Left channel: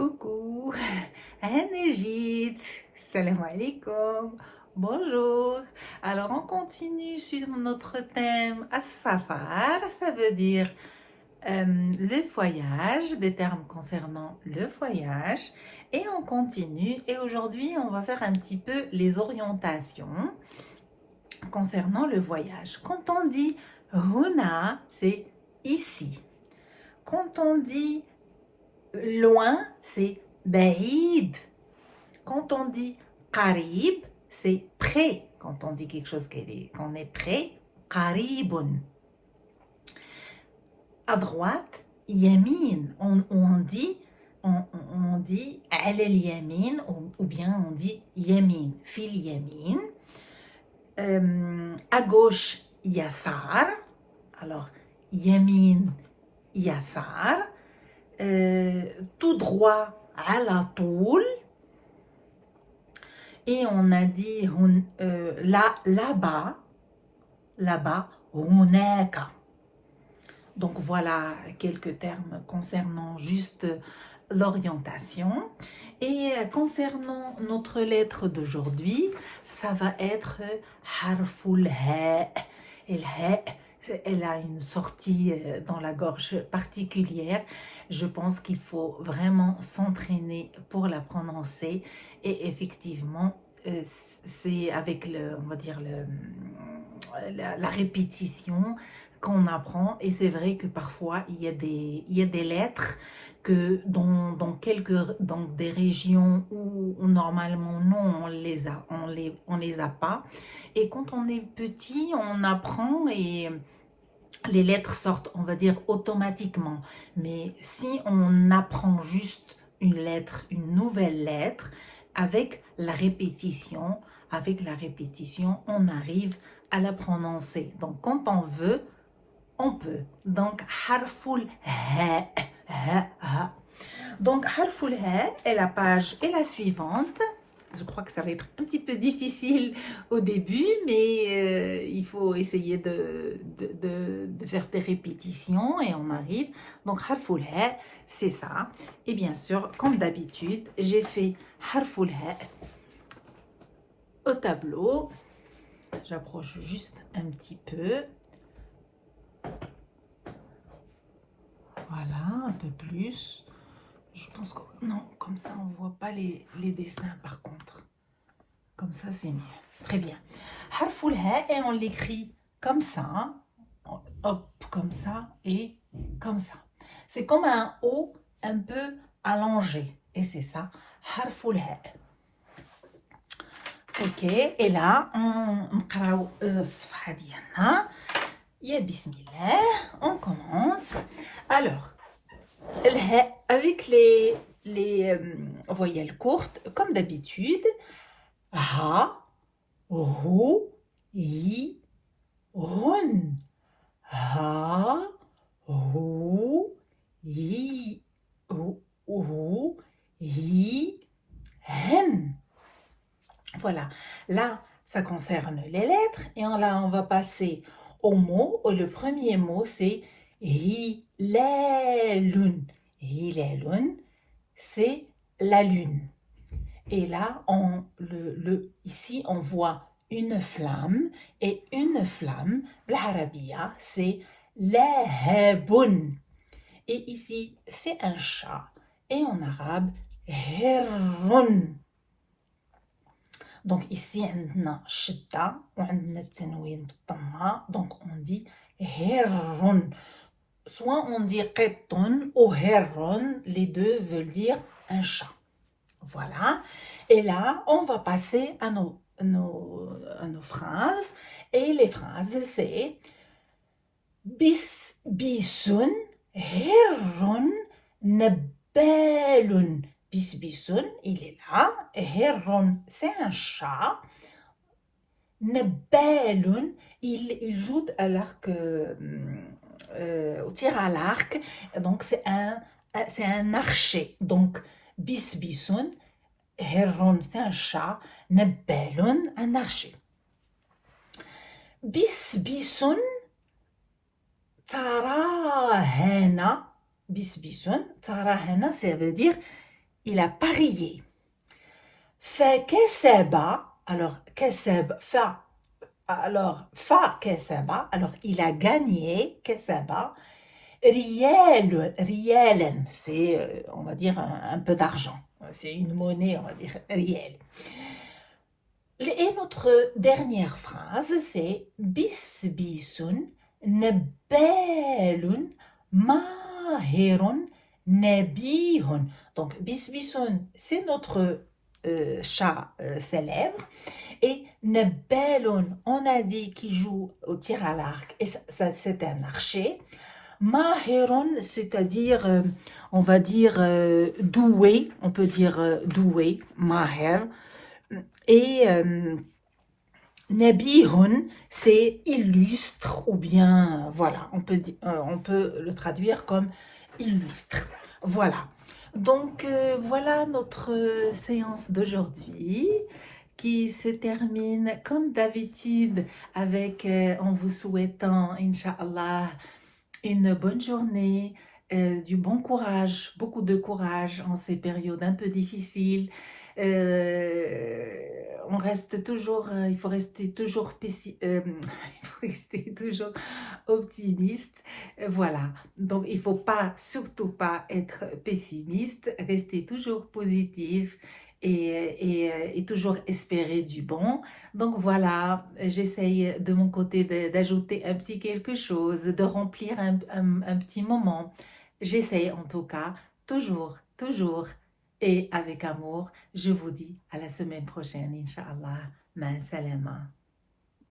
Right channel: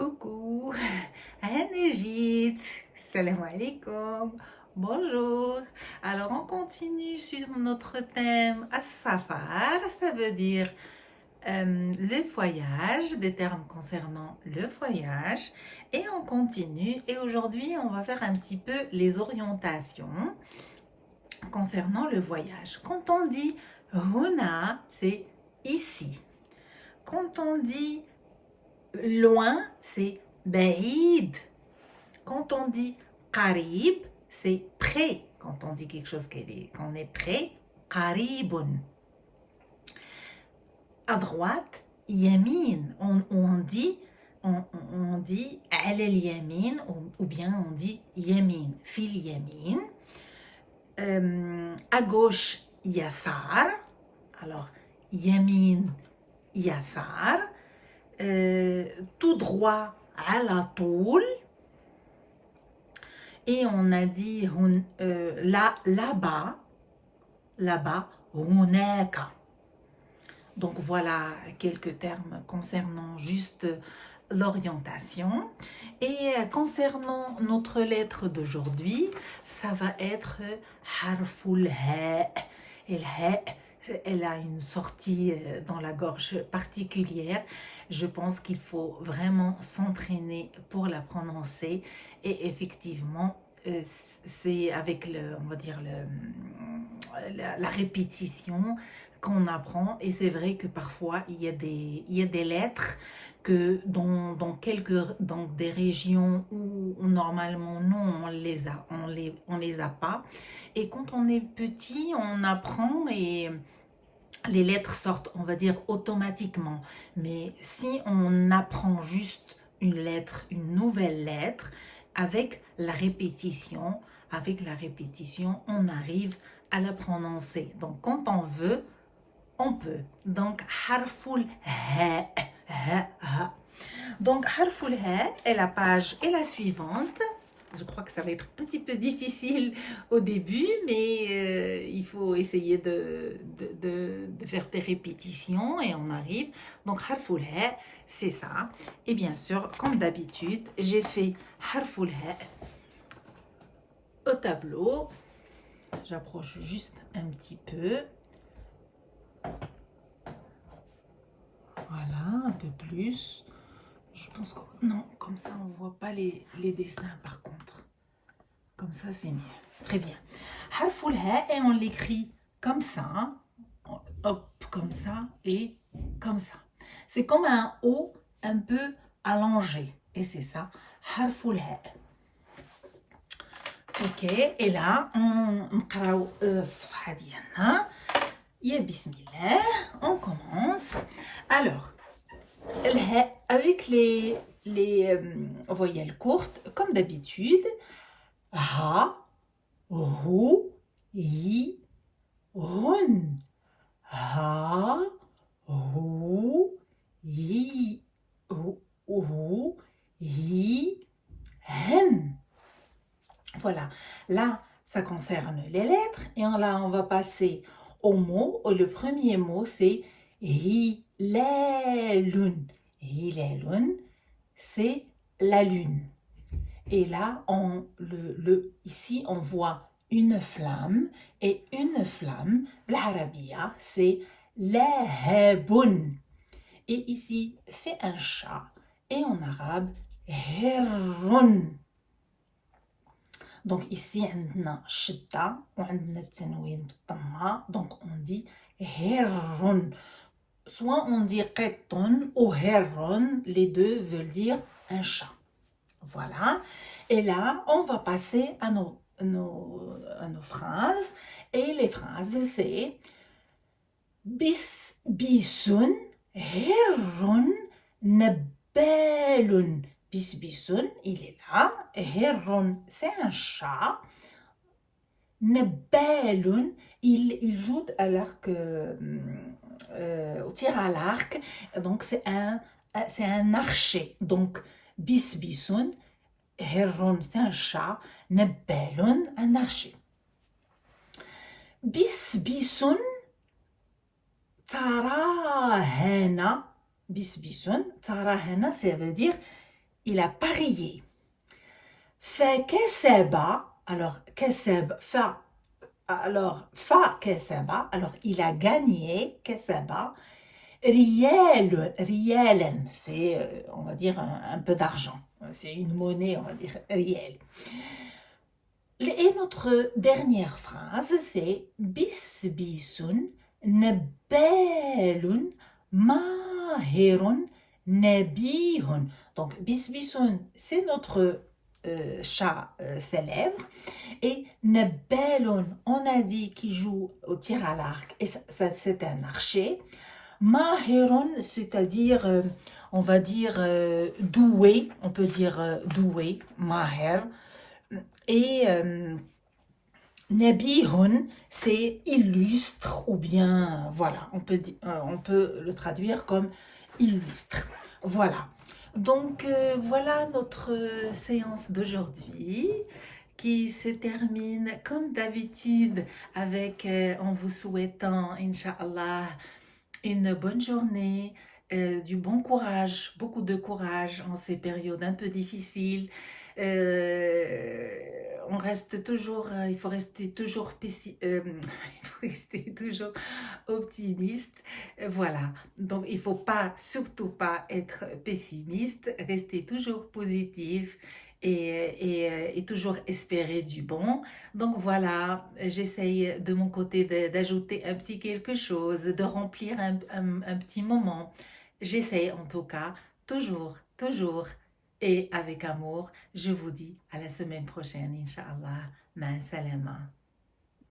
Coucou, Anegit, salam alaikum, bonjour. Alors on continue sur notre thème As-Safar, ça veut dire le voyage, des termes concernant le voyage. Et on continue et aujourd'hui on va faire un petit peu les orientations concernant le voyage. Quand on dit Huna, c'est ici. Quand on dit loin, c'est baïd. Quand on dit qarib, c'est près. Quand on dit quelque chose qu'on est près, qaribun. À droite, yamin. On dit al yamin ou bien on dit yamin, fil yamin. À gauche, yassar. Alors, yamin, yassar. Tout droit à la toul. Et on a dit là-bas, hunaka. Donc voilà quelques termes concernant juste l'orientation. Et concernant notre lettre d'aujourd'hui, ça va être harful ha. Et le ha, elle a une sortie dans la gorge particulière. Je pense qu'il faut vraiment s'entraîner pour la prononcer et effectivement c'est avec on va dire la répétition qu'on apprend. Et c'est vrai que parfois il y a des lettres que dans des régions où normalement non, on les a pas. Et quand on est petit, on apprend et les lettres sortent, on va dire, automatiquement. Mais si on apprend juste une lettre, une nouvelle lettre, avec la répétition, on arrive à la prononcer. Donc, quand on veut, on peut. Donc, harful ha, ha. Donc, harful ha, et la page est la suivante. Je crois que ça va être un petit peu difficile au début, mais il faut essayer de faire des répétitions et on arrive. Donc, harful ha, c'est ça. Et bien sûr, comme d'habitude, j'ai fait harful ha au tableau. J'approche juste un petit peu. Voilà, un peu plus. Je pense que non, comme ça on voit pas les dessins par contre. Comme ça c'est mieux. Très bien. Harful ha et on l'écrit comme ça. Hop, comme ça et comme ça. C'est comme un O un peu allongé. Et c'est ça. Harful ha. Ok, et là on نقراو الصفحة ديالنا. يا بسم الله, on commence. Alors, avec les voyelles courtes, comme d'habitude, ha, hu, hi, hun. Ha, hu, hi, hi, hen. Voilà, là, ça concerne les lettres et là, on va passer aux mots. Le premier mot, c'est hilalun. Hilalun, c'est la lune. Et là, ici, on voit une flamme. Et une flamme, l'arabiya, c'est lahabun. Et ici, c'est un chat. Et en arabe, hirrun. Donc ici, on a shidda, on a tanwin بالضمة. Donc on dit hirrun. Soit on dit qittun ou hirrun, les deux veulent dire un chat. Voilà. Et là, on va passer à nos phrases. Et les phrases, c'est bisun, hirrun, nabbalun. Bisbisun, il est là. Hirrun, c'est un chat. Nabbalun, il joue à l'arc, au tir à l'arc. Donc, c'est un archer. Donc, bisbisun, hirrun, c'est un chat. Nabbalun, un archer. Bisbisun, tarahana. Bisbisun, tarahana, ça veut dire il a parié. فكسب, alors كسب, فكسب, alors il a gagné, كسب, ريالا, c'est, on va dire, un peu d'argent. C'est une monnaie, on va dire, riel. Et notre dernière phrase, c'est bisbisun nebalun mahirun nabihun. Donc, bisbisun, c'est notre chat célèbre. Et nebalun, on a dit qu'il joue au tir à l'arc. Et ça, c'est un archer. Mahirun, c'est-à-dire, on va dire doué. On peut dire doué, mahir. Et Nabihun, c'est illustre ou bien, voilà, on peut le traduire comme illustre. Voilà. Donc, voilà notre séance d'aujourd'hui qui se termine comme d'habitude avec, en vous souhaitant, Inch'Allah, une bonne journée, du bon courage, beaucoup de courage en ces périodes un peu difficiles. On reste toujours, il faut rester toujours il faut rester toujours optimiste. Voilà. Donc il faut pas, surtout pas être pessimiste, rester toujours positif et toujours espérer du bon. Donc voilà, j'essaye de mon côté d'ajouter un petit quelque chose, de remplir un petit moment. J'essaye en tout cas, toujours, toujours, et avec amour. Je vous dis à la semaine prochaine, Inch'Allah. Ma salama.